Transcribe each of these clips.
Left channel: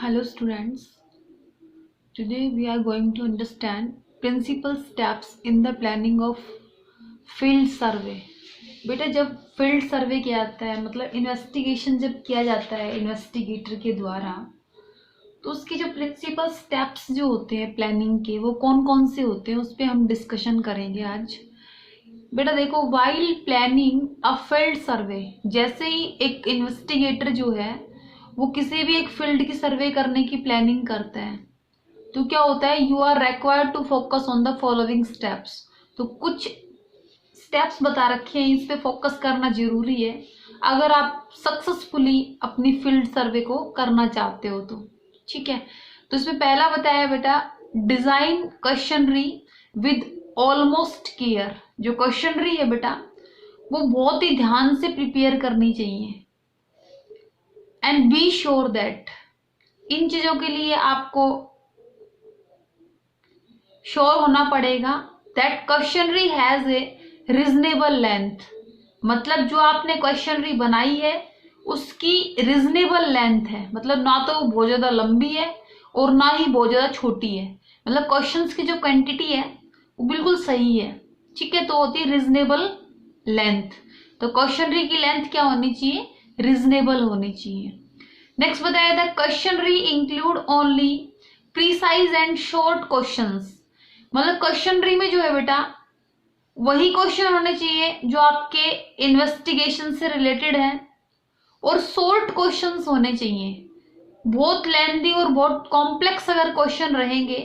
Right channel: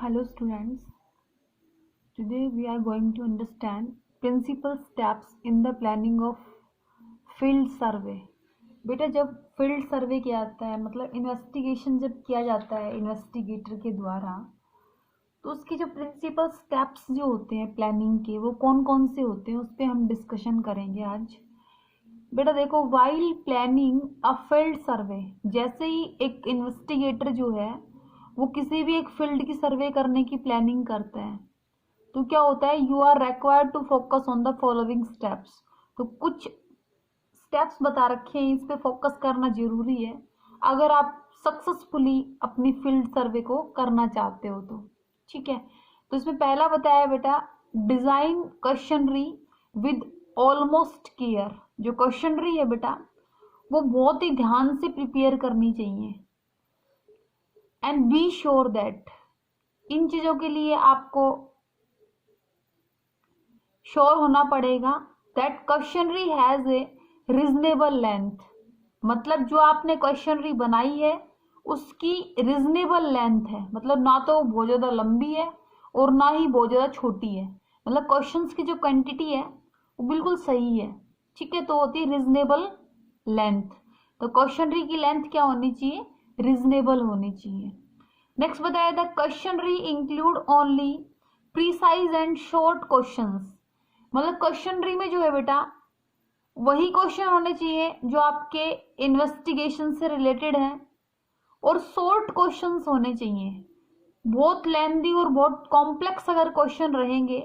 Hello students, today we are going to understand principal steps in the planning of field survey. बेटा जब field survey किया जाता है मतलब इन्वेस्टिगेशन जब किया जाता है इन्वेस्टिगेटर के द्वारा, तो उसके जो प्रिंसिपल स्टेप्स जो होते हैं प्लानिंग के वो कौन कौन से होते हैं उस पर हम डिस्कशन करेंगे आज। बेटा देखो, while planning a field survey, जैसे ही एक इन्वेस्टिगेटर जो है वो किसी भी एक फील्ड की सर्वे करने की प्लानिंग करता है तो क्या होता है, you are required to focus on the following steps. तो कुछ स्टेप्स बता रखे हैं, इस पे फोकस करना जरूरी है अगर आप सक्सेसफुली अपनी फील्ड सर्वे को करना चाहते हो तो। ठीक है, तो इसमें पहला बताया बेटा, design questionnaire with almost care. जो क्वेश्चनरी है बेटा वो बहुत ही ध्यान से प्रिपेयर करनी चाहिए एंड बी श्योर दैट, इन चीजों के लिए आपको श्योर होना पड़ेगा that questionnaire has a reasonable length. मतलब जो आपने क्वेश्चनरी बनाई है उसकी रीजनेबल लेंथ है, मतलब ना तो बहुत ज्यादा लंबी है और ना ही बहुत ज्यादा छोटी है, मतलब क्वेश्चंस की जो क्वांटिटी है वो बिल्कुल सही है। ठीक है, तो होती है रीजनेबल लेंथ। तो क्वेश्चनरी की लेंथ क्या होनी चाहिए, रीजनेबल होनी चाहिए। नेक्स्ट बताया था, questionnaire include only precise and short questions. मतलब क्वेश्चनरी में जो है बेटा वही क्वेश्चन होने चाहिए जो आपके इन्वेस्टिगेशन से रिलेटेड है और शॉर्ट क्वेश्चंस होने चाहिए। बहुत लेंथी और बहुत कॉम्प्लेक्स अगर क्वेश्चन रहेंगे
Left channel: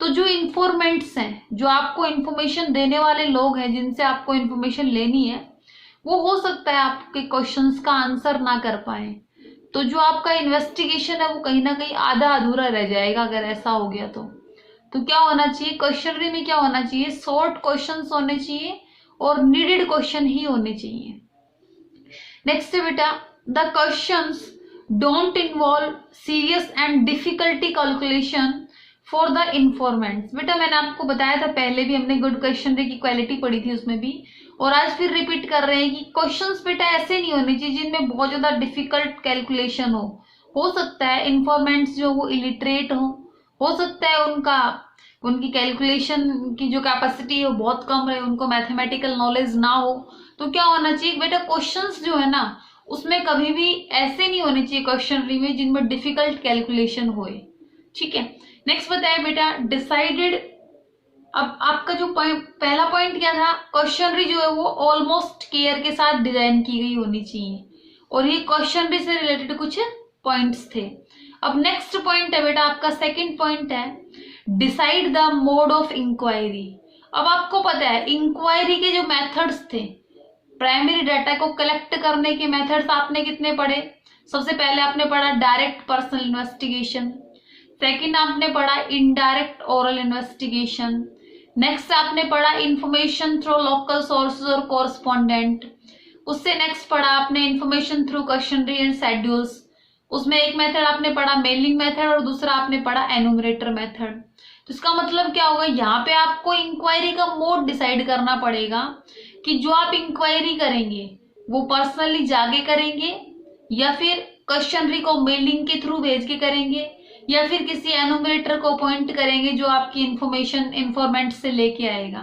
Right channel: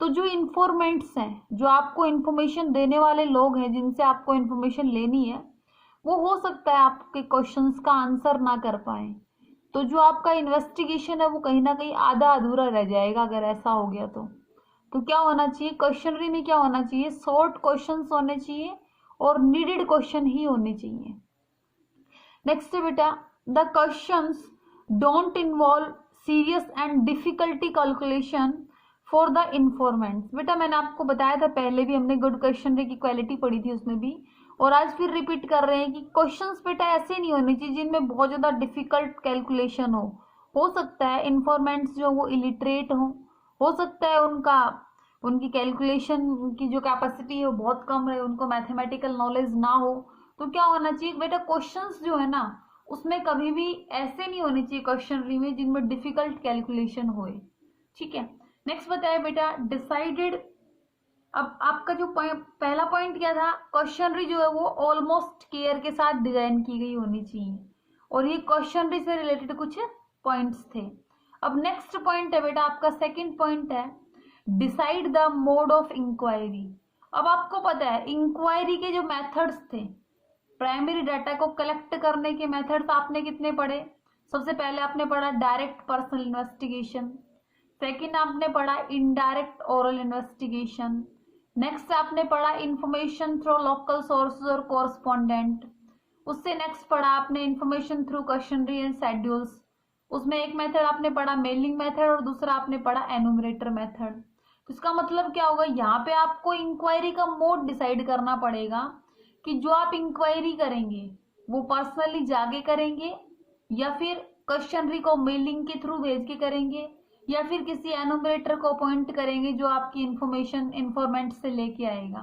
तो जो इन्फॉर्मेंट्स हैं, जो आपको इन्फॉर्मेशन देने वाले लोग हैं जिनसे आपको इन्फॉर्मेशन लेनी है, वो हो सकता है आपके क्वेश्चंस का आंसर ना कर पाए। तो जो आपका इन्वेस्टिगेशन है वो कहीं ना कहीं आधा अधूरा रह जाएगा अगर ऐसा हो गया तो क्या होना चाहिए, क्वेश्चनरी में क्या होना चाहिए, शॉर्ट क्वेश्चंस होने चाहिए और नीडेड क्वेश्चन ही होने चाहिए। नेक्स्ट है बेटा, the questions don't involve serious and difficulty calculation for the informants. बेटा मैंने आपको बताया था पहले भी, हमने गुड क्वेश्चनरी की क्वालिटी पढ़ी थी उसमें भी, और आज फिर रिपीट कर रहे हैं कि क्वेश्चंस बेटा ऐसे नहीं होने चाहिए जिनमें बहुत ज्यादा डिफिकल्ट कैलकुलेशन हो सकता है इन्फॉर्मेंट्स जो वो इलिटरेट हो सकता है उनकी कैलकुलेशन की जो कैपेसिटी है वो बहुत कम रहे, उनको मैथमेटिकल नॉलेज ना हो। तो क्या होना चाहिए बेटा, क्वेश्चंस जो है ना उसमें कभी भी ऐसे नहीं होने चाहिए क्वेश्चनरी में जिनमें डिफिकल्ट कैलकुलेशन होए। ठीक है, नेक्स्ट बताया बेटा, डिसाइडेड। अब आपका जो पहला पॉइंट क्या था, क्वेश्चनरी जो है वो ऑलमोस्ट केयर के साथ डिजाइन की गई होनी चाहिए और ये क्वेश्चनरी से रिलेटेड कुछ पॉइंट्स थे। अब नेक्स्ट पॉइंट है बेटा आपका सेकंड पॉइंट है, decide the mode of enquiry. अब आपको पता है इंक्वायरी के जो मेथड्स थे, प्राइमरी डाटा को कलेक्ट करने के मेथड्स आपने कितने पढ़े। सबसे पहले आपने पढ़ा डायरेक्ट पर्सनल इन्वेस्टिगेशन, सेकंड आपने पढ़ा इनडायरेक्ट ओरल इन्वेस्टिगेशन, नेक्स्ट आपने पढ़ा इंफॉर्मेशन थ्रू लोकल सोर्सेज और कोरस्पॉन्डेंट, उससे नेक्स्ट पढ़ा आपने information through questionnaire and schedules, उसमें एक मेथड आपने पढ़ा मेलिंग मेथड और दूसरा आपने पढ़ा एनुमरेटर मेथड। तो इसका मतलब क्या होगा, यहाँ पे आपको इंक्वायरी का मोड डिसाइड करना पड़ेगा कि जो आप इंक्वायरी करेंगे वो पर्सनली जाके करेंगे या फिर क्वेश्चनरी को मेलिंग के थ्रू भेज के करेंगे या फिर किसी एनुमरेटर को अपॉइंट करेंगे जो आपकी इन्फॉर्मेंट से लेके आएगा।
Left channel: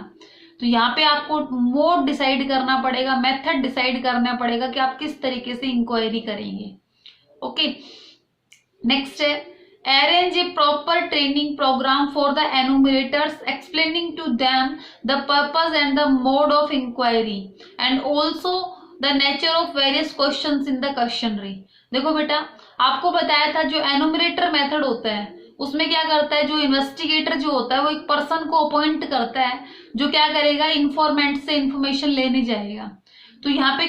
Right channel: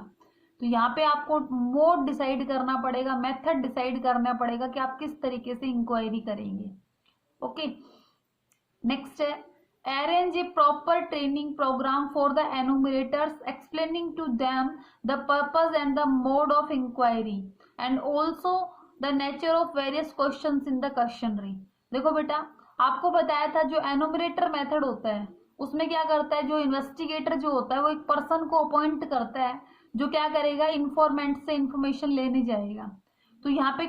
तो यहाँ पे आपको मोड डिसाइड करना पड़ेगा, मेथड डिसाइड करना पड़ेगा कि आप किस तरीके से इंक्वायरी करेंगे। ओके, नेक्स्ट है, arrange a proper training program for the enumerators explaining to them the purpose and the mode of inquiry and also the nature of various questions in the questionnaire। देखो बेटा आपको बताया था जो एनुमरेटर method होता है उसमें क्या करता है, जो इन्वेस्टिगेटर जो होता है वो एक पर्सन को अपॉइंट करता है जो क्या करेगा, इन्फॉर्मेंट से इंफॉर्मेशन लेने जाएगा। तो यहाँ पे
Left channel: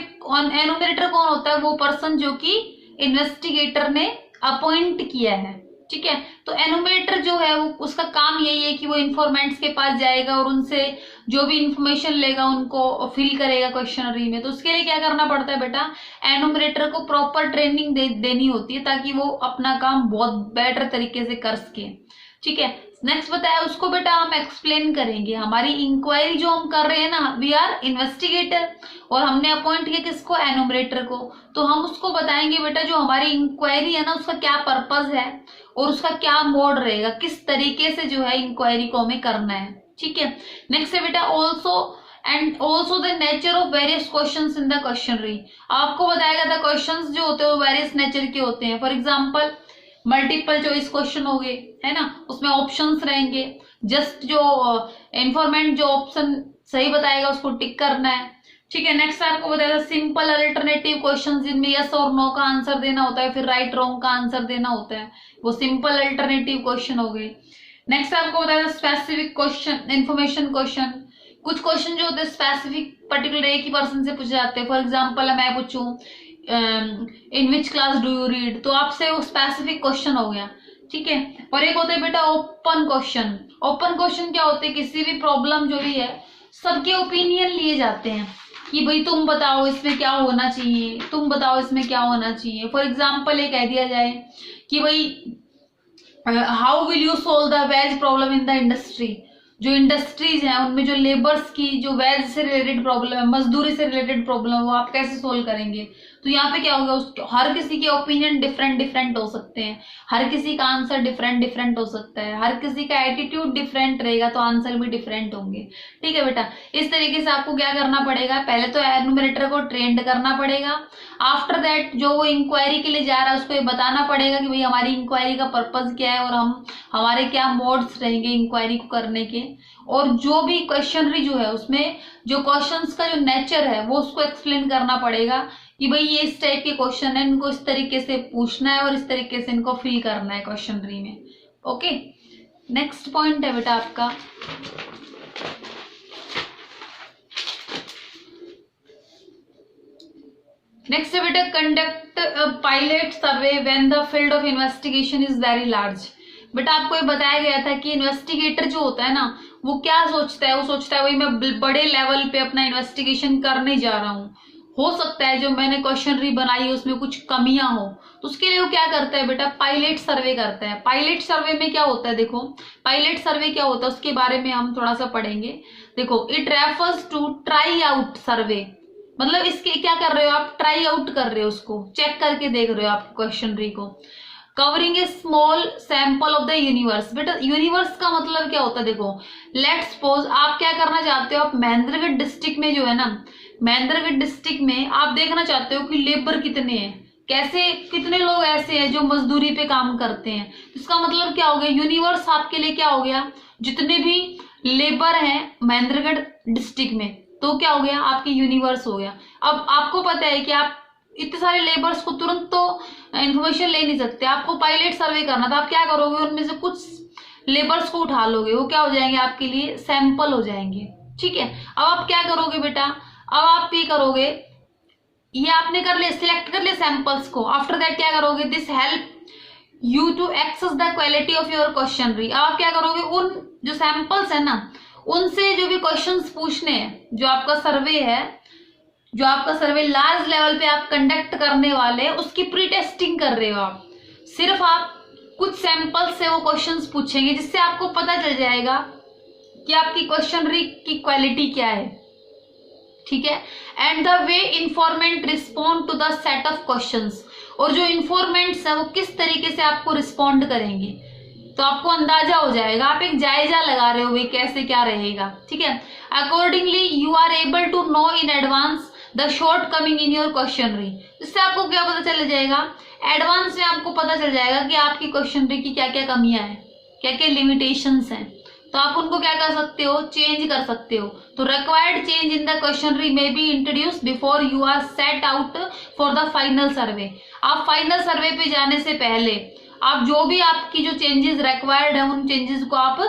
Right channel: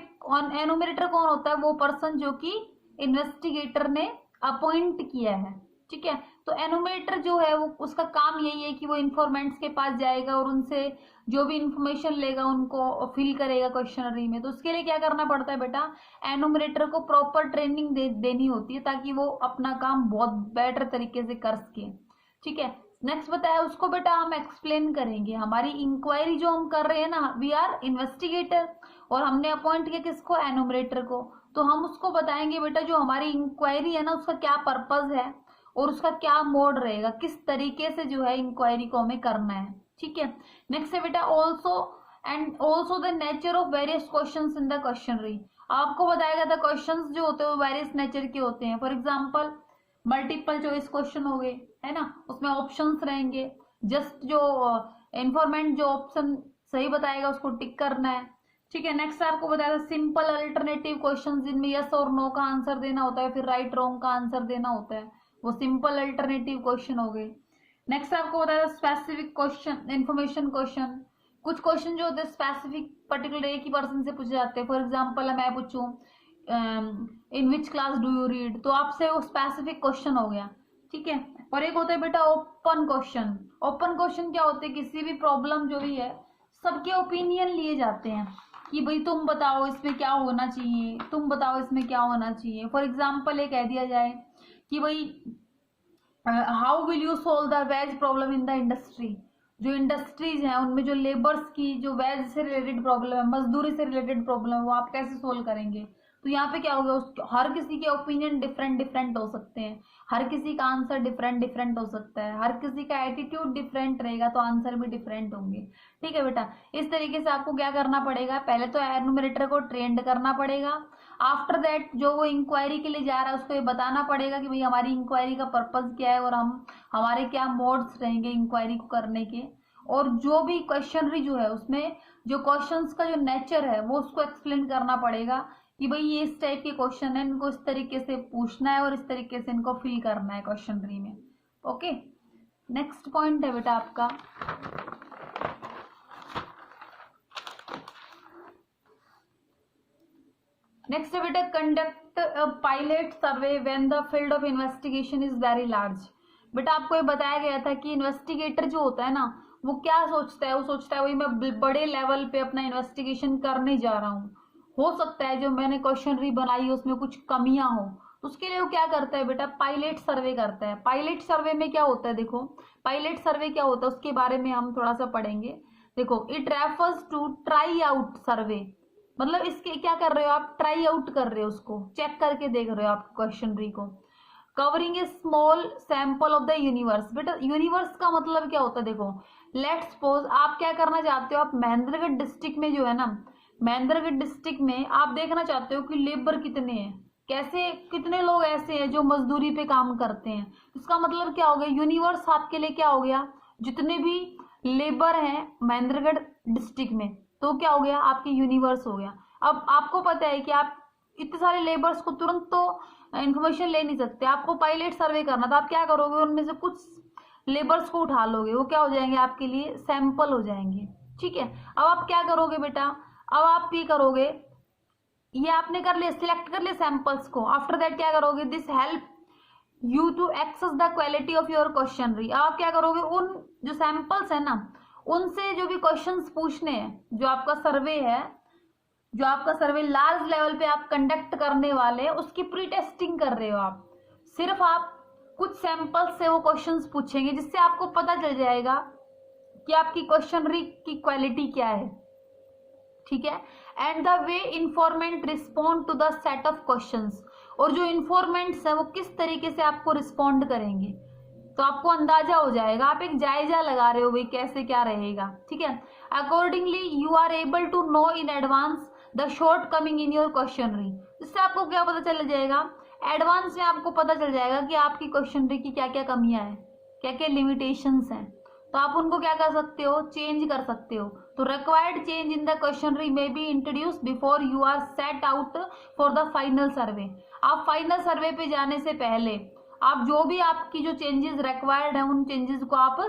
एनुमरेटर कौन होता है, वो पर्सन जो कि इन्वेस्टिगेटर ने अपॉइंट किया है। ठीक है, तो एनुमरेटर जो है वो उसका काम यही है कि वो इन्फॉर्मेंट्स के पास जाएगा और उनसे जो भी इंफॉर्मेशन लेगा उनको फिल करेगा क्वेश्चनरी में। तो उसके लिए क्या करना पड़ता है बेटा, एनुमरेटर को प्रॉपर ट्रेनिंग देनी होती है ताकि वो अपना काम बहुत बेटर तरीके से कर सके। ठीक है, नेक्स्ट बताया उसको बेटा हम एक्सप्लेन करेंगे। हमारी इंक्वायरी जो हम कर रहे हैं ना, वी आर इन्वेस्टिगेटर, और हमने अपॉइंट किया किसको, एनुमरेटर को, तो हम उसको बताएंगे बेटा जो हमारी इंक्वायरी है ना उसका क्या पर्पस है और उसका क्या मोड रहेगा, किस तरीके से जो है इंक्वायरी को हमें करना है। ठीक है, नेक्स्ट है बेटा also the nature of various questions in the questionnaire. आपको बताया गया था क्वेश्चंस जो होते हैं वो वेरियस नेचर के होते हैं। For example multiple choice question हो गए, है ना, उसमें ऑप्शंस रहेंगे, जस्ट जो इन्फॉर्मेंट जो ऑप्शन सही बताएगा उसको टिक करना है। ठीक है, नेक्स्ट आपको बताया सिंपल अल्टरनेटिव क्वेश्चन जिनमें यस और नो का आंसर देना होता है, फिर राइट रॉन्ग का आंसर देना होता है, वो सिंपल अल्टरनेटिव क्वेश्चन हो गए। नेक्स्ट आपको बताया स्पेसिफिक क्वेश्चन, इन्फॉर्मेशन क्वेश्चन, कुछ क्वेश्चन जो होते हैं स्पेसिफिक पर्टिकुलर एक ही पर्सन से पूछे जाते हैं। फॉर एग्जाम्पल मैं पूछूं in which class do you read, तो आपसे वो स्पेसिफिक क्वेश्चन हो गया। ठीक है, और एक होता है बेटा ओपन क्वेश्चन। ओपन क्वेश्चन क्या होते हैं, किसी भी प्रॉब्लम जो भी है सबके ओपिनियन लिए जाते हैं कि भाई तुम बताओ इसमें क्या होना चाहिए, तुम बताओ इसमें क्या होना चाहिए। फॉर एग्जाम्पल ये कह दिया जाए कि भाई how will you solve the ways problem in the industry, जो इंडस्ट्रीज हैं उनमें जो लेबर्स की जो वेज से रिलेटेड प्रॉब्लम है, मजदूरी से रिलेटेड प्रॉब्लम है, वो आप कैसे सोल्व करेंगे। तो यहाँ पे क्या होगा, हर किसी के ओपिनियन डिफरेंट डिफरेंट हो सकते हैं, हर किसी का आंसर डिफरेंट डिफरेंट हो सकता है, हर किसी का एटीट्यूड डिफरेंट रहेगा तो आंसर भी डिफरेंट होंगे। ठीक है बेटा, इस तरीके से आपको क्या करना पड़ेगा, पहले तो एनुमरेटर को ट्रेंड करना पड़ेगा। आफ्टर दैट जो वो इंक्वायरी के लिए जा रहा है उसको ये बताना पड़ेगा कि भाई हमारी इंक्वायरी का पर्पज क्या है और हमारे क्या मोड्स रहेंगे इंक्वायरी को करने के, और जो भी क्वेश्चनरी जो है उसमें जो क्वेश्चंस का जो नेचर है वो उसको एक्सप्लेन करना पड़ेगा कि भाई ये इस टाइप के क्वेश्चन है, इनको इस तरीके से पूछना है और इस तरीके से इनको फिल करना है क्वेश्चनरी में। ओके, नेक्स्ट पॉइंट है बेटा आपका नेक्स्ट है बेटा conduct pilot survey when the field of investigation is very large. बेटा आपको ये बताया गया था कि इन्वेस्टिगेटर जो होता है ना वो क्या सोचता है, वो सोचता है भाई मैं बड़े लेवल पे अपना इन्वेस्टिगेशन करने जा रहा हूँ, हो सकता है जो मैंने क्वेश्चनरी बनाई है उसमें कुछ कमियां हो, तो उसके लिए वो क्या करता है बेटा, पायलट सर्वे करता है। पायलट सर्वे में क्या होता है, देखो पायलट सर्वे क्या होता है उसके बारे में हम थोड़ा सा पढ़ेंगे। देखो it refers to try out survey, मतलब इसके क्या कर रहे हो आप, ट्राई आउट कर रहे हो, उसको चेक करके देख रहे हो आप क्वेश्चनरी को। Covering A small sample of the universe, बेटा यूनिवर्स का मतलब क्या होता है, देखो लेट्स सपोज आप क्या करना चाहते हो, आप महेंद्रगढ़ डिस्ट्रिक्ट में जो है ना, महेंद्रगढ़ डिस्ट्रिक्ट में आप देखना चाहते हो कि लेबर कितने हैं, कैसे कितने लोग ऐसे हैं जो मजदूरी पे काम करते हैं। इसका मतलब क्या हो गया, यूनिवर्स आपके लिए क्या हो गया, जितने भी लेबर हैं महेंद्रगढ़ डिस्ट्रिक्ट में, तो क्या हो गया आपकी यूनिवर्स हो गया। अब आपको पता है कि आप इतने सारे लेबर्स को तुरंत तो इंफॉर्मेशन ले नहीं सकते, आपको पायलट सर्वे करना, तो आप क्या करोगे, उनमें से कुछ लेबर्स को उठा लोगे, वो क्या हो जाएंगे आपके लिए सैंपल हो जाएंगे। ठीक है, अब आप क्या करोगे बेटा, अब आप ये करोगे, ये आपने कर लिया, सिलेक्ट कर लिया सैंपल्स को, आफ्टर दैट क्या करोगे, this help you to access the quality of your questionnaire. आप क्या करोगे, उन जो सैंपल्स है ना उनसे जो भी क्वेश्चंस पूछने हैं, जो आपका सर्वे है, जो आपका सर्वे लार्ज लेवल पे आप कंडक्ट करने वाले हैं उसकी प्री टेस्टिंग कर रहे हो आप। सिर्फ आप कुछ सैंपल्स से वो क्वेश्चंस पूछेंगे जिससे आपको पता चल जाएगा कि आपकी क्वेश्चनरी की क्वालिटी क्या है। ठीक है, and the way informant respond to the set of questions, और जो इन्फॉर्मेंट्स है वो किस तरीके से आपको रिस्पॉन्ड करेंगे, तो आपको अंदाजा हो जाएगा, आप एक जायजा लगा रहे हो भाई कैसे क्या रहेगा। ठीक है, accordingly you are able to know in advance the shortcoming in your questionnaire, इससे आपको क्या पता चल जाएगा, एडवांस में आपको पता चल जाएगा कि आपकी क्वेश्चनरी की क्या क्या कमियां हैं, क्या क्या लिमिटेशंस हैं, तो आप उनको क्या कर सकते हो, चेंज कर सकते हो। तो required change in the questionnaire may be introduced before you are set out for the final survey. आप फाइनल सर्वे पे जाने से पहले आप जो भी आपकी जो चेंजेस रिक्वायर्ड है उन चेंजेस को आप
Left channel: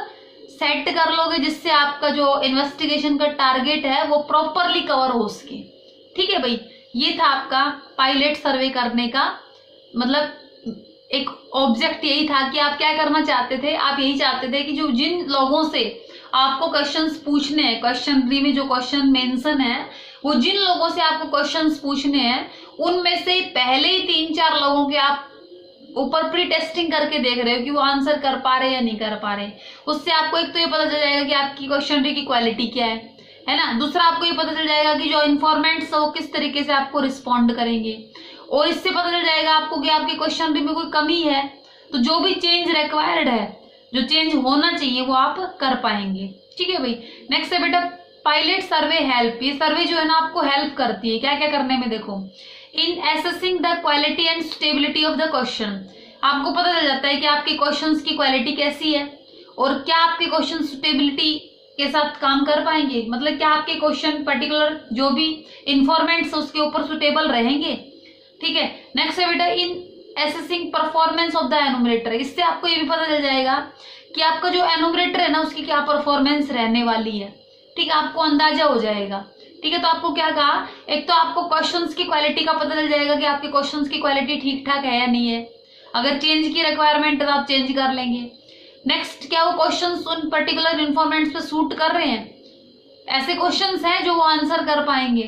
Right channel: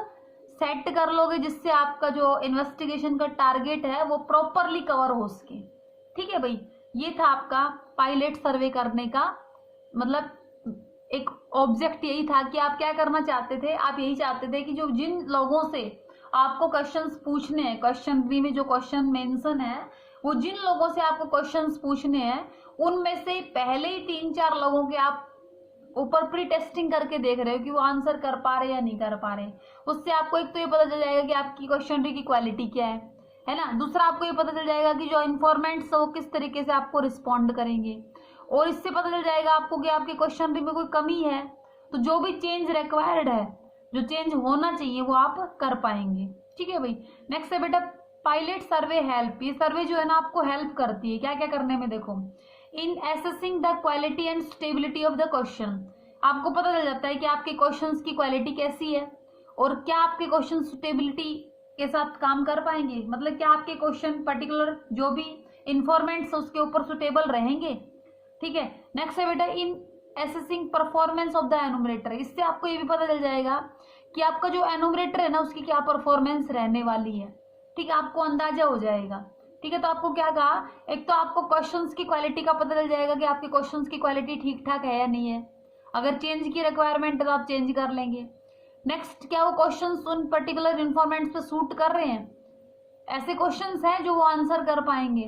सेट कर लोगे, जिससे आपका जो इन्वेस्टिगेशन का टारगेट है वो प्रॉपरली कवर हो सके। ठीक है भाई, ये था आपका पायलट सर्वे करने का मतलब एक ऑब्जेक्ट, यही था कि आप क्या करना चाहते थे, आप यही चाहते थे कि जो जिन लोगों से आपको क्वेश्चंस पूछने हैं, क्वेश्चनरी में जो क्वेश्चन मेंशन है, वो जिन लोगों से आपको क्वेश्चंस पूछने हैं उनमें से पहले ही 3-4 लोगों के आप ऊपर प्री टेस्टिंग करके देख रहे हो कि वो आंसर कर पा रहे या नहीं कर पा रहे। उससे आपको एक तो ये पता चल जाएगा कि आपकी क्वेश्चनरी की क्वालिटी क्या है ना। दूसरा आपको ये पता चल जाएगा कि जो इन्फॉर्मेंट्स है वो किस तरीके से आपको रिस्पॉन्ड करेंगे, और इससे पता चल जाएगा आपको कि आपकी क्वेश्चनरी में कोई कमी है तो जो भी चेंज रिक्वायर्ड है, जो चेंज होना चाहिए वो आप कर पाएंगे। ठीक है भाई। नेक्स्ट है बेटा पायलट सर्वे हेल्प। ये सर्वे जो है ना आपको हेल्प करती है क्या क्या करने में, देखो in assessing the quality and stability of the question. आपको पता चल जाता है कि आपके क्वेश्चंस की क्वालिटी कैसी है और क्या आपके क्वेश्चन स्टेबिलिटी के साथ काम कर पाएंगे, मतलब क्या आपके क्वेश्चन पर्टिकुलर जो भी इंफॉर्मेंट्स उसके ऊपर सुटेबल रहेंगे। ठीक है। नेक्स्ट है बेटा in assessing performance of the enumerator. इससे आपको ये भी पता चल जाएगा कि आपका जो एनुमरेटर है ना उसकी क्या परफॉर्मेंस रहने वाली है। ठीक है, आपको अंदाजा हो जाएगा। ठीक है, तो आपको क्या कहा, एक तो आपको क्वेश्चंस की क्वालिटी का पता चल जाएगा कि आपके क्वेश्चंस की क्वालिटी ठीक ठाक है या नहीं है। अगर चेंज की रिक्वायरमेंट है तो आप चेंज कर लेंगे। नेक्स्ट क्या वो क्वेश्चंस उन पर्टिकुलर इन्फॉर्मेंट्स पे सूट कर रहे हैं, ऐसे क्वेश्चंस हैं जो वो आंसर कर पाएंगे,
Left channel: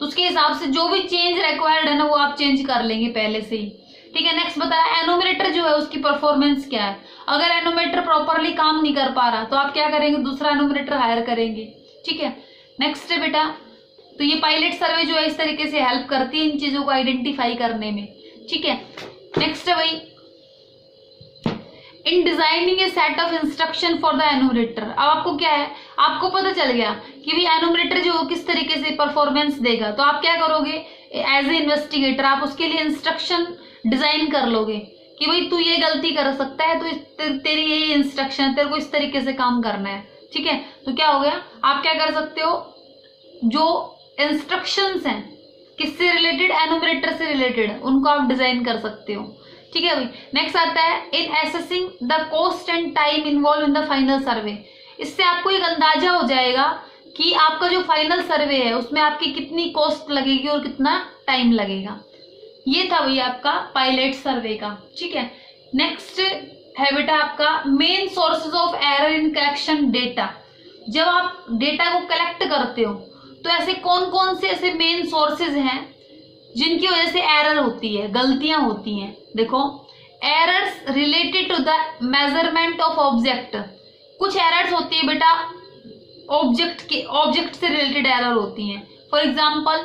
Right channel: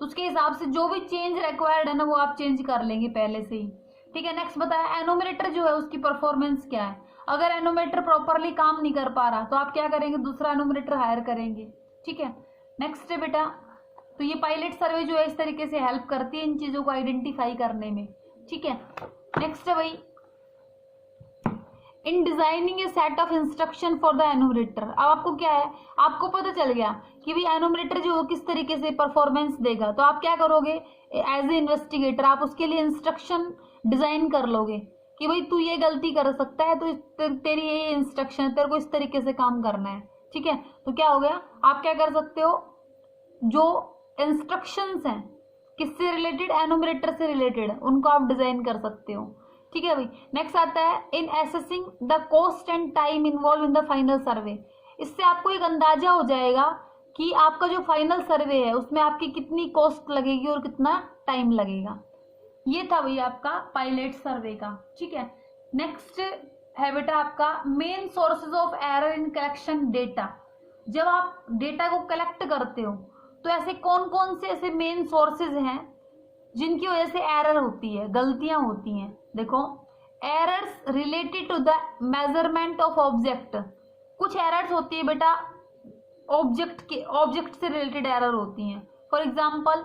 तो उसके हिसाब से जो भी चेंज रिक्वायर्ड है ना वो आप चेंज कर लेंगे पहले से ही। ठीक है। नेक्स्ट बताया एनुमरेटर जो है उसकी परफॉर्मेंस क्या है। अगर एनुमरेटर प्रॉपरली काम नहीं कर पा रहा तो आप क्या करेंगे, दूसरा एनुमरेटर हायर करेंगे। ठीक है। नेक्स्ट है बेटा, तो ये पायलट सर्वे जो है इस तरीके से हेल्प करती है इन चीजों को आइडेंटिफाई करने में। ठीक है। नेक्स्ट है भाई in designing A set of instruction for the एनुमरेटर। अब आपको क्या है, आपको पता चल गया कि भाई एनुमरेटर जो किस तरीके से परफॉर्मेंस देगा, तो आप क्या करोगे एज ए इन्वेस्टिगेटर, आप उसके लिए इंस्ट्रक्शन डिजाइन कर लोगे कि भाई तू ये गलती कर सकता है, तो तेरी ये इंस्ट्रक्शन है, तेरे को इस तरीके से काम करना है। ठीक है। तो क्या हो गया, आप क्या कर सकते हो, जो इंस्ट्रक्शंस हैं किससे रिलेटेड, एनुमरेटर से रिलेटेड, उनको आप डिजाइन कर सकते हो। ठीक है भाई। नेक्स्ट आता है in assessing the cost and time involve in the final survey. इससे आपको एक अंदाजा हो जाएगा कि आपका जो फाइनल सर्वे है उसमें आपकी कितनी कॉस्ट लगेगी और कितना टाइम लगेगा। ये था भाई आपका पायलट सर्वे का। ठीक है। नेक्स्ट है बेटा आपका main sources of error in collection data. जब आप डेटा को कलेक्ट करते हो तो ऐसे कौन कौन से ऐसे मेन सोर्सेज हैं जिनकी वजह से एरर होती है, गलतियां होती हैं। देखो errors related to the measurement of object. कुछ एरर्स होती है बेटा ऑब्जेक्ट से रिलेटेड एरर होती हैं। फॉर एग्जाम्पल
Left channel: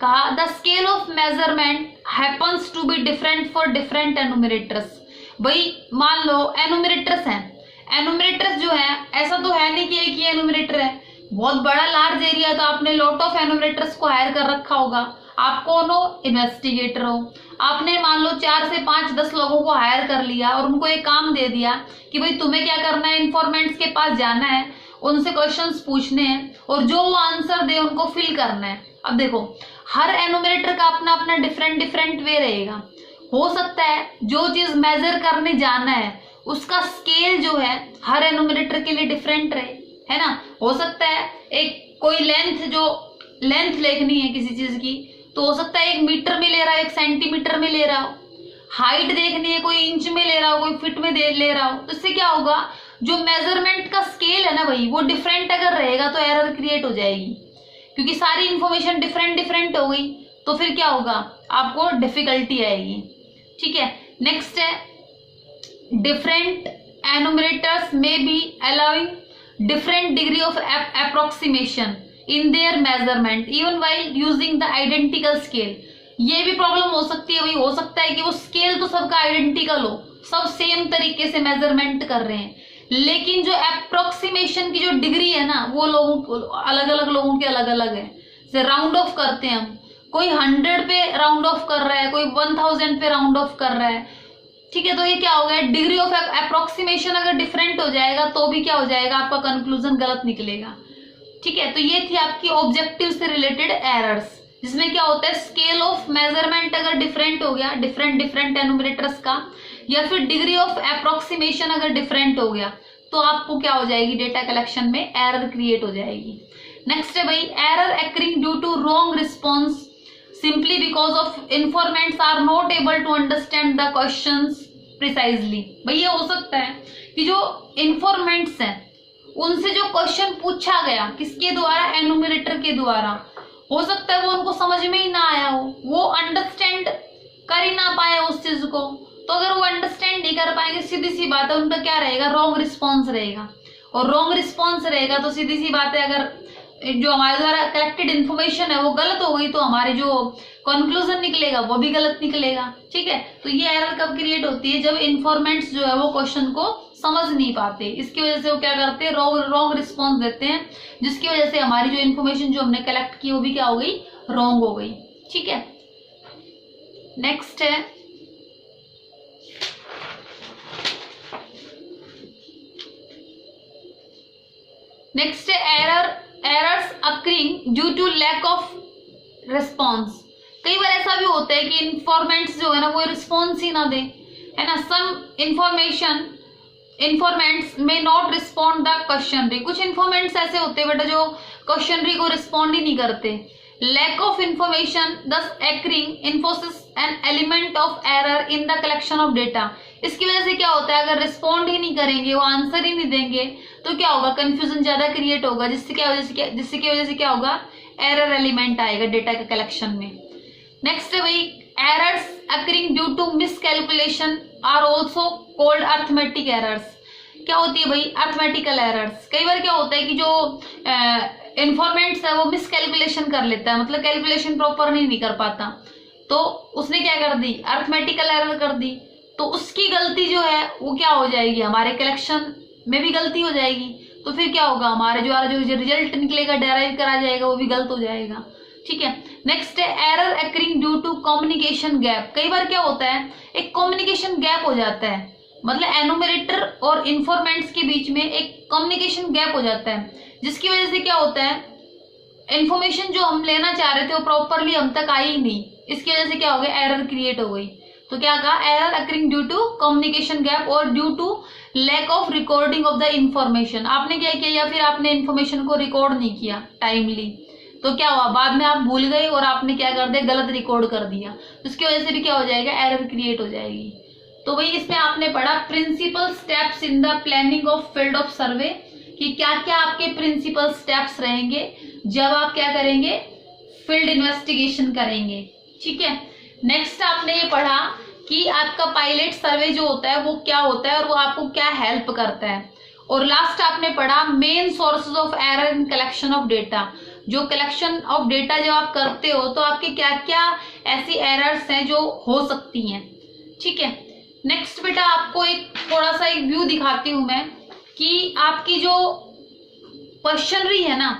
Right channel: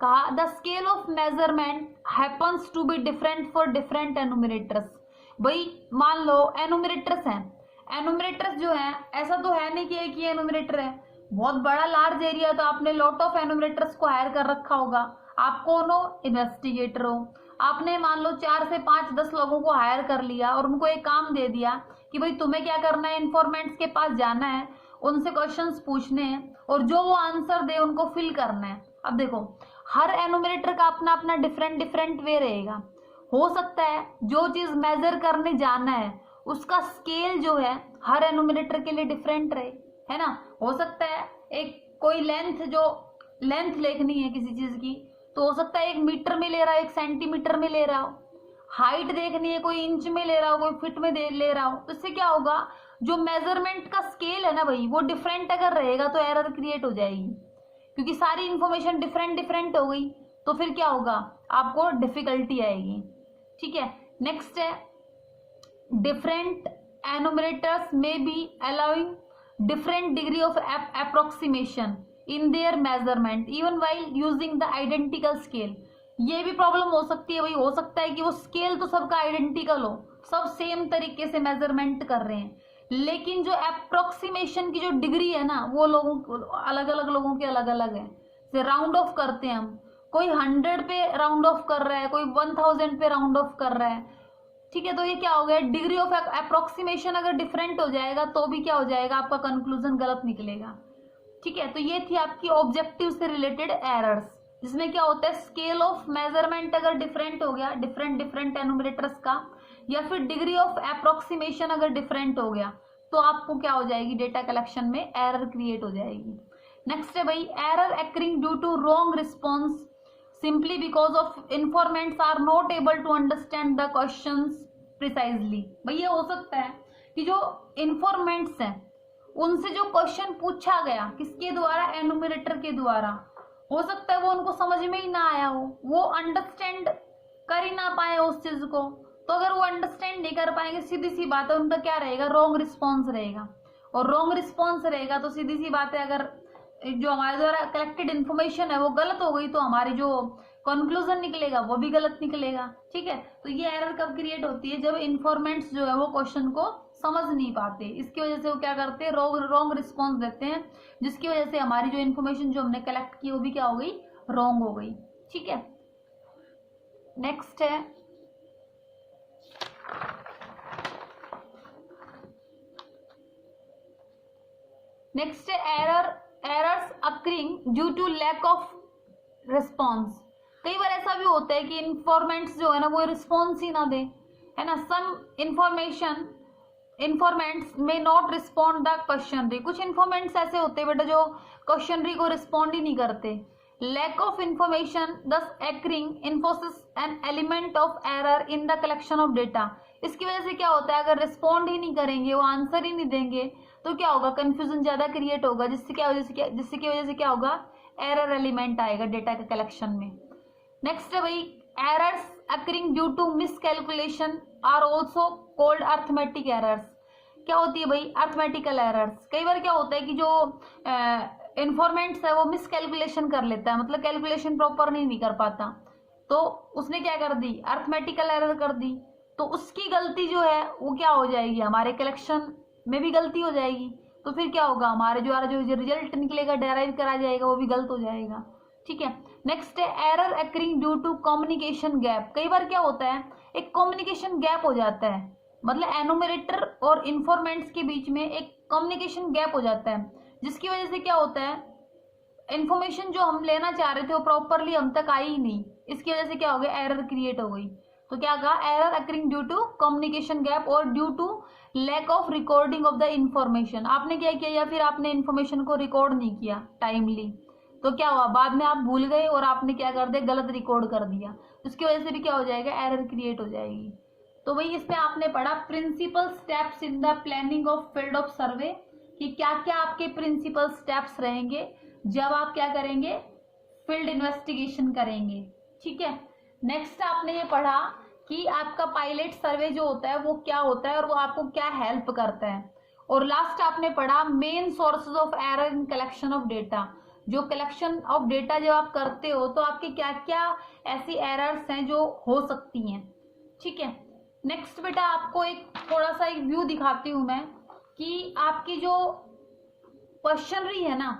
कहा the scale of measurement happens to be different for different enumerators. भाई मान लो एनुमरेटर्स हैं, एनुमरेटर्स जो है ऐसा तो है नहीं कि एक ही एनुमरेटर है, बहुत बड़ा लार्ज एरिया, तो आपने लॉट ऑफ एनुमरेटर्स को हायर कर रखा होगा। आप कौन हो, इन्वेस्टिगेटर हो, आपने मान लो 4 से 5 10 लोगों को हायर कर लिया और उनको एक काम दे दिया कि भाई तुम्हें क्या करना है, इन्फॉर्मेंट्स के पास जाना है, उनसे क्वेश्चंस पूछने हैं और जो वो आंसर दे उनको फिल करना है। अब देखो हर एनुमरेटर का अपना अपना डिफरेंट वे रहेगा। हो सकता है जो चीज मेजर करने जाना है उसका स्केल जो है हर एनुमरेटर के लिए डिफरेंट रहे, है ना। हो सकता है एक कोई लेंथ लिखनी है किसी चीज की, तो हो सकता है 1 मीटर में ले रहा हो, 1 सेंटीमीटर में ले रहा हो। हाइट देखनी है, कोई इंच में ले रहा हो, कोई फीट में ले रहा हो। तो इससे क्या होगा, जो मेजरमेंट का स्केल है ना भाई वो डिफरेंट अगर रहेगा तो एरर क्रिएट हो जाएगी, क्योंकि सारी इंफॉर्मेशन डिफरेंट हो गई तो फिर क्या होगा, आपको डिफिकल्टी आएगी। ठीक है। नेक्स्ट है डिफरेंट एनुमरेटर्स में be allowing different degree of approximation in their measurement even while using the identical scale. ये भी प्रॉब्लम हो सकती है भाई, हो सकता है कि वो स्केल तो सबका आइडेंटिकल हो, सब सेम तरीके से मेजरमेंट कर रहे हैं, लेकिन जो अप्रोक्सीमेशन की जो डिग्री है ना वो लोगों अलग अलग लोगों की अलग अलग है। जैसे राउंड ऑफ करते हैं हम, कोई 100 पे राउंड ऑफ कर रहा है, कोई 1000 पे राउंड ऑफ कर रहा है। ठीक है। तो ये क्या हो गया, डिग्री ऑफ अप्रोक्सीमेशन अगर डिफरेंट हो जाएगा तो भी क्या हो जाएगा, आपका कंक्लूजन गलत निकलेगा। ठीक है। तो ये थी आपकी ऑब्जेक्टिव से रिलेटेड एरर्स, जिसमें क्या होता है स्केल ऑफ मेजरमेंट अगर डिफरेंट हो गया डिफरेंट एनुमरेटर्स का, या फिर डिग्री ऑफ अप्रोक्सीमेशन अगर डिफरेंट हो गया तो आपको क्या हो जाएगी, डेटा कलेक्शन में एरर क्रिएट हो जाएगी। नेक्स्ट है भाई error occurring due to wrong response simply because of informants are not able to understand the questions precisely. भाई ये हो सकता है कि जो इन्फॉर्मेंट्स हैं उनसे जो क्वेश्चन पूछा गया किसके द्वारा, एनुमरेटर के द्वारा, हो सकता है वो उनको समझ में ही ना आया हो, वो अंडरस्टैंड कर ही ना पाए उस चीज को, तो अगर वो अंडरस्टैंड नहीं कर पाएंगे, सीधी सी बात है उनका क्या रहेगा, रॉन्ग रिस्पॉन्स रहेगा। और रॉन्ग रिस्पॉन्स रहेगा तो सीधी सी बात है, अगर जो हमारे द्वारा कलेक्टेड इन्फॉर्मेशन है वो गलत हो गई तो हमारे जो कंक्लूजन निकलेगा वो भी गलत निकलेगा। ठीक है, तो ये एरर कब क्रिएट होती है, जब इन्फॉर्मेंट्स जो है वो क्वेश्चन को समझ नहीं पाते, इसकी वजह से वो क्या करते हैं, रॉन्ग रिस्पॉन्स देते हैं, जिसकी वजह से हमारी जो इन्फॉर्मेशन जो हमने कलेक्ट की वो भी क्या हो गई, रॉन्ग हो गई। ठीक है, नेक्स्ट है errors occurring due to lack of response. कई बार ऐसा भी होता है कि इन्फॉर्मेंट्स जो है ना वो रिस्पॉन्स ही ना दे, है ना। सम इन्फॉर्मेंट्स में नॉट रिस्पॉन्ड द क्वेश्चनरी। कुछ इन्फॉर्मेंट्स ऐसे होते हैं बेटा जो क्वेश्चनरी को रिस्पॉन्ड ही नहीं करते। Lack of information thus occurring इन्फोसिस an element of error in the collection of data. इसकी वजह से क्या होता है, अगर रिस्पॉन्ड ही नहीं करेंगे, वो आंसर ही नहीं देंगे, तो क्या होगा, कंफ्यूजन ज्यादा क्रिएट होगा, जिसकी वजह से क्या होगा, एरर एलिमेंट आएगा डेटा के कलेक्शन में। नेक्स्ट है भाई, errors occurring due to miscalculation are also called arithmetic errors. क्या होती है भाई, अर्थमेटिकल एरर्स। कई बार क्या होता है कि जो इन्फॉर्मेंट्स है वो मिसकैलकुलेशन कर लेता है, मतलब कैलकुलेशन प्रॉपर नहीं कर पाता, तो उसने क्या कर दी, अर्थमेटिकल एरर कर दी, तो उसकी गलती जो है वो क्या हो जाएगी, हमारे कलेक्शन में भी गलती हो जाएगी, तो फिर क्या होगा, हमारे जो रिजल्ट निकलेगा, डेराइव करा जाएगा, वो भी गलत हो जाएगा। ठीक है, नेक्स्ट है error occurring due to communication gap. कई बार क्या होता है, एक कम्युनिकेशन गैप हो जाता है, मतलब एनुमरेटर और इन्फॉर्मेंट्स के बीच में एक कम्युनिकेशन गैप हो जाता है, जिसकी वजह से क्या होता है, इन्फॉर्मेशन जो हम लेना चाह रहे थे वो प्रॉपरली हम तक आई ही नहीं, इसकी वजह से क्या हो गया, एरर क्रिएट हो गई। तो क्या कहा, error occurring due to communication gap और due to lack of recording of the information. आपने क्या किया, या फिर आपने इन्फॉर्मेशन को रिकॉर्ड नहीं किया टाइमली, तो क्या हुआ, बाद में आप भूल गए और आपने क्या कर दिया, गलत रिकॉर्ड कर दिया, उसकी वजह से भी क्या हो जाएगा, एरर क्रिएट हो जाएगी। तो भाई इसमें आपने पढ़ा principal steps in the planning of field of survey, कि क्या क्या आपके प्रिंसिपल स्टेप्स रहेंगे जब आप क्या करेंगे, फील्ड इन्वेस्टिगेशन करेंगे। ठीक है, नेक्स्ट आपने ये पढ़ा कि आपका पायलट सर्वे जो होता है वो क्या होता है और वो आपको क्या हेल्प करता है। और लास्ट आपने पढ़ा main sources of error in collection of data. जो कलेक्शन ऑफ डेटा जब आप करते हो तो आपके क्या क्या ऐसी एरर्स हैं जो हो सकती हैं। ठीक है, नेक्स्ट बेटा आपको एक थोड़ा सा एक व्यू दिखाती हूं मैं कि आपकी जो क्वेश्चनरी है ना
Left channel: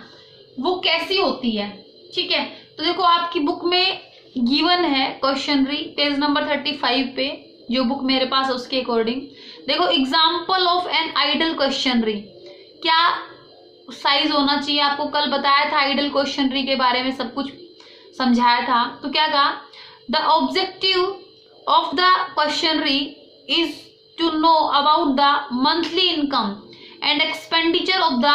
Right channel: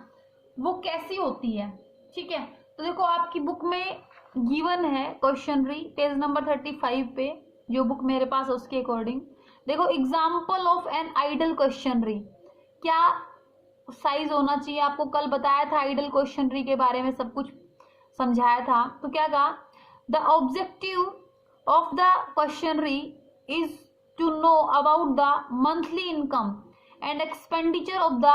वो कैसी होती है। ठीक है, तो देखो आपकी बुक में गिवन है क्वेश्चनरी, पेज नंबर 35 पे जो बुक मेरे पास है उसके अकॉर्डिंग देखो, example of an ideal questionnaire, क्या साइज होना चाहिए, आपको कल बताया था आइडल क्वेश्चनरी के बारे में सब कुछ समझाया था। तो क्या कहा, the objective of the questionnaire is to know about the monthly income and expenditure of the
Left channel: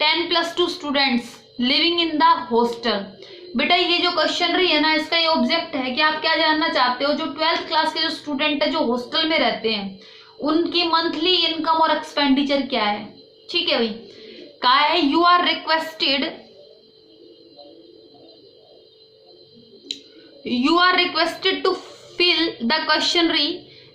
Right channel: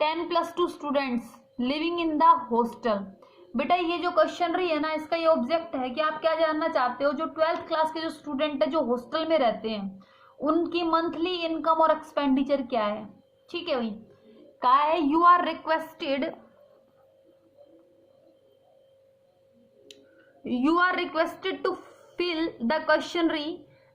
10+2 students living in the hostel. बेटा ये जो क्वेश्चनरी है ना, इसका ये ऑब्जेक्ट है कि आप क्या जानना चाहते हो, जो 12th क्लास के जो स्टूडेंट है जो हॉस्टल में रहते हैं उनकी मंथली इनकम और एक्सपेंडिचर क्या है। ठीक है भाई, कहा है you are requested to fill the questionnaire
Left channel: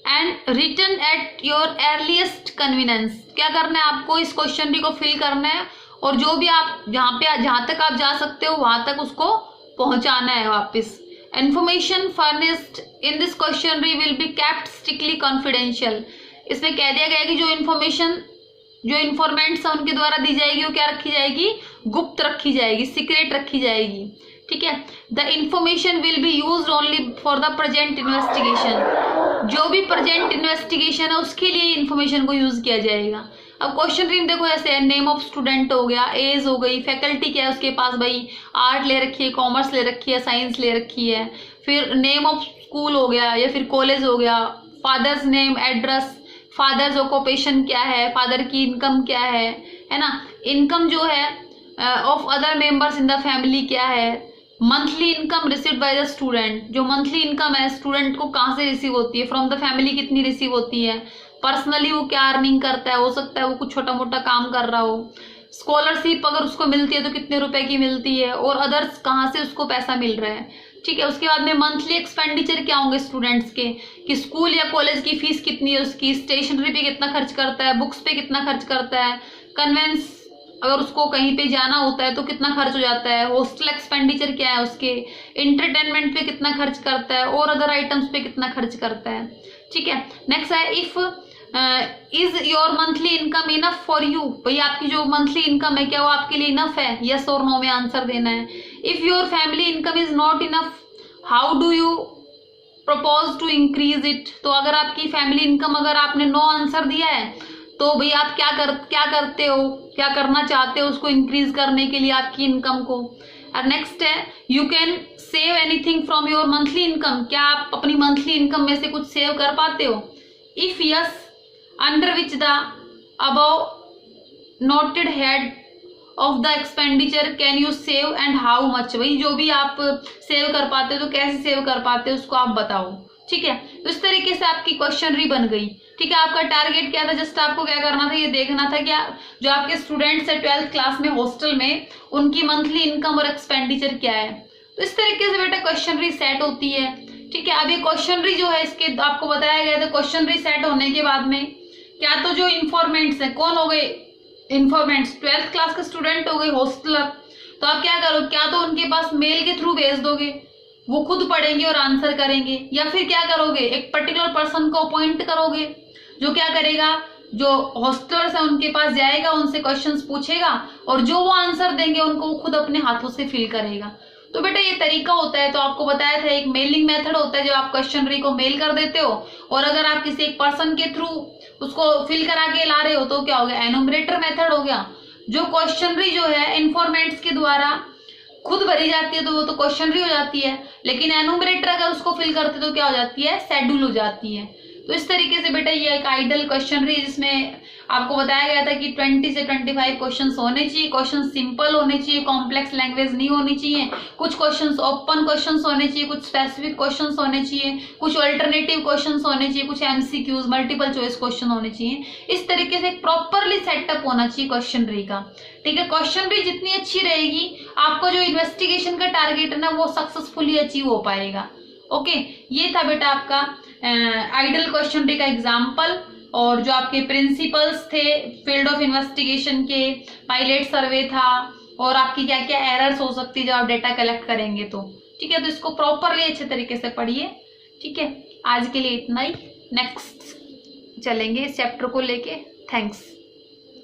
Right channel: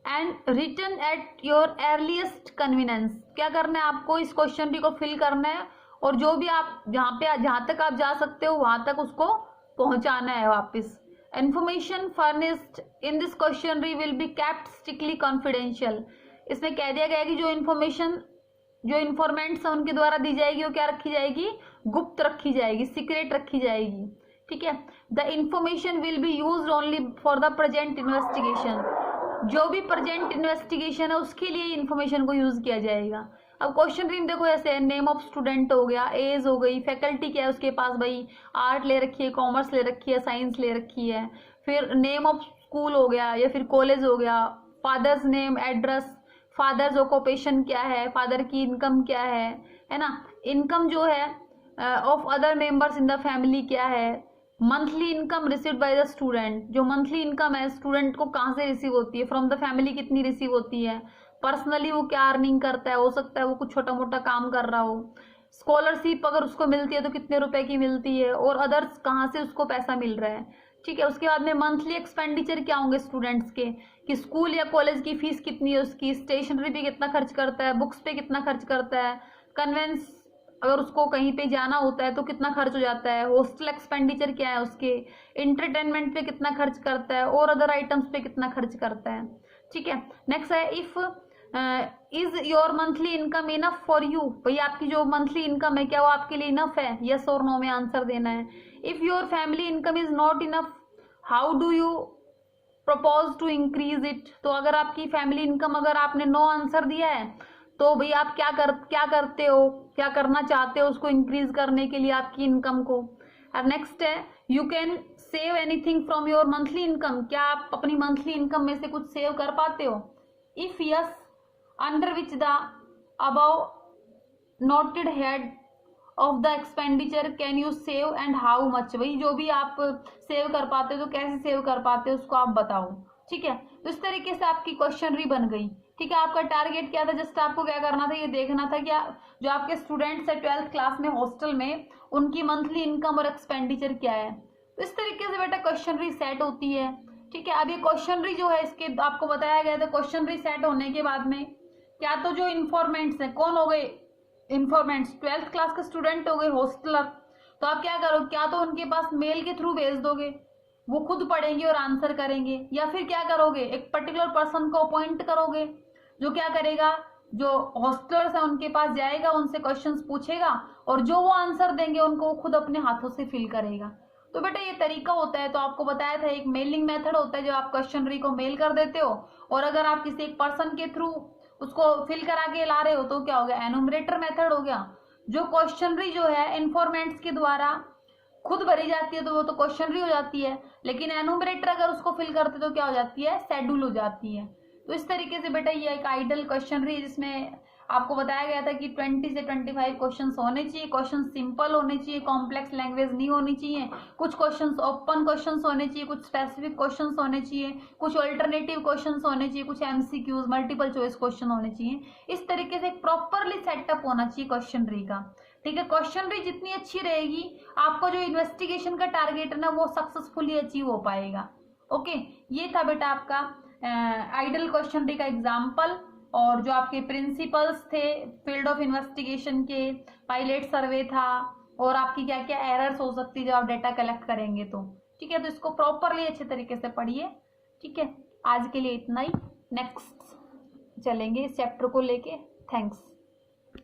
and return at your earliest convenience. क्या करना है आपको, इस क्वेश्चनरी को फिल करना है और जो भी आप जहां तक आप जा सकते हो वहां तक उसको पहुंचाना है वापस। Information furnished in this questionnaire will be kept strictly confidential. इसमें कह दिया गया है कि जो इन्फॉर्मेशन जो इन्फॉर्मेंट्स है उनके द्वारा दी जाएगी वो क्या रखी जाएगी, गुप्त रखी जाएगी, सीक्रेट रखी जाएगी। ठीक है, the information will be used only for the present investigation. जो भी प्रेजेंट इन्वेस्टिगेशन है उसके लिए इन्फॉर्मेशन को यूज किया जाएगा। अब क्वेश्चन रीम देखो ऐसे है, नेम ऑफ स्टूडेंट हो गया, एज हो गई, फैकल्टी क्या है उसके पास, भाई आर्ट ले रखी है, कॉमर्स ले रखी है, साइंस ले रखी है, फिर नेम ऑफ स्कूल हो गया या फिर कॉलेज हो गया, father's name, address, father's occupation क्या है, फादर की इनकम क्या है ना, इनकम जो है of other members in the family क्या है, monthly income received by the student, जो मंथली इनकम है स्टूडेंट को कहाँ से रिसीव होती है, फ्रॉम द फैमिली कितनी रिसीव होती है, पर्सनली वो क्या अर्निंग करता है, हो सकता है वो कुछ छोटा मोटा काम कर रहा हो, स्कॉलरशिप अगर उसको मिलती है तो कितने रुपए की मिलती है, और अदर्स कहाँ से उसको पैसा मिल रहा है। ठीक है। उसके बाद में मंथली एक्सपेंडिचर क्या होंगे स्टूडेंट्स के, कि स्कूल या कॉलेज की फीस कितनी है उसकी, स्टेशनरी पे कितना खर्च करता है, बुक्स पे कितना खर्च करता है, कन्वेंस अगर उसको कहीं पे जाना होता है तो कितना खर्च हो जाता है, हॉस्टल एक्सपेंडिचर क्या है उसके, इंटरटेनमेंट पे कितना खर्च करता है और अदर आइटम्स पे कितना खर्च करता है। ठीक है। नेक्स्ट है if is your monthly income enough for you, भाई आपकी जो मंथली इनकम है क्या वो आपके लिए इनफ है, यस और नो में आंसर देना है। If your family income is not enough how do you propose to increase it, तो अगर आपकी फैमिली इनकम अगर आपने नो आंसर दिया है तो भाई आप क्या करते हो, क्या करना चाहते हो उसको इंक्रीज करने के लिए आपकी इनकम को। और नेक्स्ट है you can save anything from your monthly income, क्या आप अपनी मंथली इनकम में से कुछ सेव कर पाते हो। If yes under which the above noted head of the expenditure can you save and how much, भाई जो भी आप सेव कर पाते हो तो कैसे सेव कर पाते हो उसको आप बताओ। ठीक है। तो इस तरीके से आपकी क्वेश्चनरी बन गई। ठीक है। आपका टारगेट क्या था, जस्ट आपको क्या करना था, ये देखना था क्या जो आपके स्टूडेंट्स है 12th क्लास में हॉस्टल में उनकी मंथली इनकम और एक्सपेंडिचर क्या है। तो इस तरीके से बेटा क्वेश्चनरी सेट होती है। ठीक है। अब ये क्वेश्चनरी जो है इसके आपको बताया गया था, क्वेश्चनरी सेट होने के बाद में क्या तो जो इन्फॉर्मेंट्स है कौन हो गए, इन्फॉर्मेंट्स 12th क्लास के स्टूडेंट हो गए हॉस्टलर, तो आप क्या करो, क्या तो उनके पास मेल के थ्रू भेज दोगे, वो खुद पढ़ेंगे और आंसर करेंगे, या फिर क्या करोगे एक पर्टिकुलर पर्सन को अपॉइंट करोगे जो क्या करेगा, जो हॉस्टलर्स है उनके पास जाएगा, उनसे क्वेश्चंस पूछेगा और जो वो आंसर देंगे उनको वो खुद अपने हाथों से फिल करेगा। तो बेटा ये तरीका होता है। तो आपको बताया था एक मेलिंग मेथड होता है, जब आप क्वेश्चनरी को मेल कर देते हो और अगर आप किसी एक पर्सन के थ्रू उसको फिल करा के ला रहे हो तो क्या हो गया, एनुमरेटर मेथड हो गया। जो क्वेश्चनरी जो है इन्फॉर्मेंट्स के द्वारा खुद भरी जाती है तो वो तो क्वेश्चनरी हो जाती है, लेकिन एनुमरेटर अगर उसको फिल करते तो क्या हो जाती है, शेड्यूल हो जाती है। तो इस तरीके से बेटा ये एक आइडल क्वेश्चनरी जिसमें आपको बताया गया था कि 20 से 25 क्वेश्चंस होने चाहिए, क्वेश्चन सिंपल होने चाहिए, कॉम्प्लेक्स लैंग्वेज नहीं होनी चाहिए, कुछ क्वेश्चंस ओपन क्वेश्चंस होने चाहिए, कुछ स्पेसिफिक क्वेश्चंस होने चाहिए, कुछ अल्टरनेटिव क्वेश्चंस होने चाहिए, कुछ एमसीक्यूज मल्टीपल चॉइस क्वेश्चन होने चाहिए। इस तरीके से प्रॉपरली सेटअप होना चाहिए क्वेश्चनरी का। ठीक है। क्वेश्चनरी जितनी अच्छी रहेगी आपको जो इन्वेस्टिगेशन का टारगेट है ना वो सक्सेसफुली अचीव हो पाएगा। ओके। ये था बेटा आपका आइडल क्वेश्चनरी का एग्जाम्पल, और जो आपके प्रिंसिपल्स थे फील्ड ऑफ इन्वेस्टिगेशन के, पायलट सर्वे था, और आपकी क्या क्या एरर्स हो सकती है जब आप डेटा कलेक्ट करेंगे तो। ठीक है। तो इसको प्रॉपरली अच्छे तरीके से पढ़िए। ठीक है। आज के लिए इतना ही, नेक्स्ट चलेंगे इस चैप्टर को लेके। थैंक्स।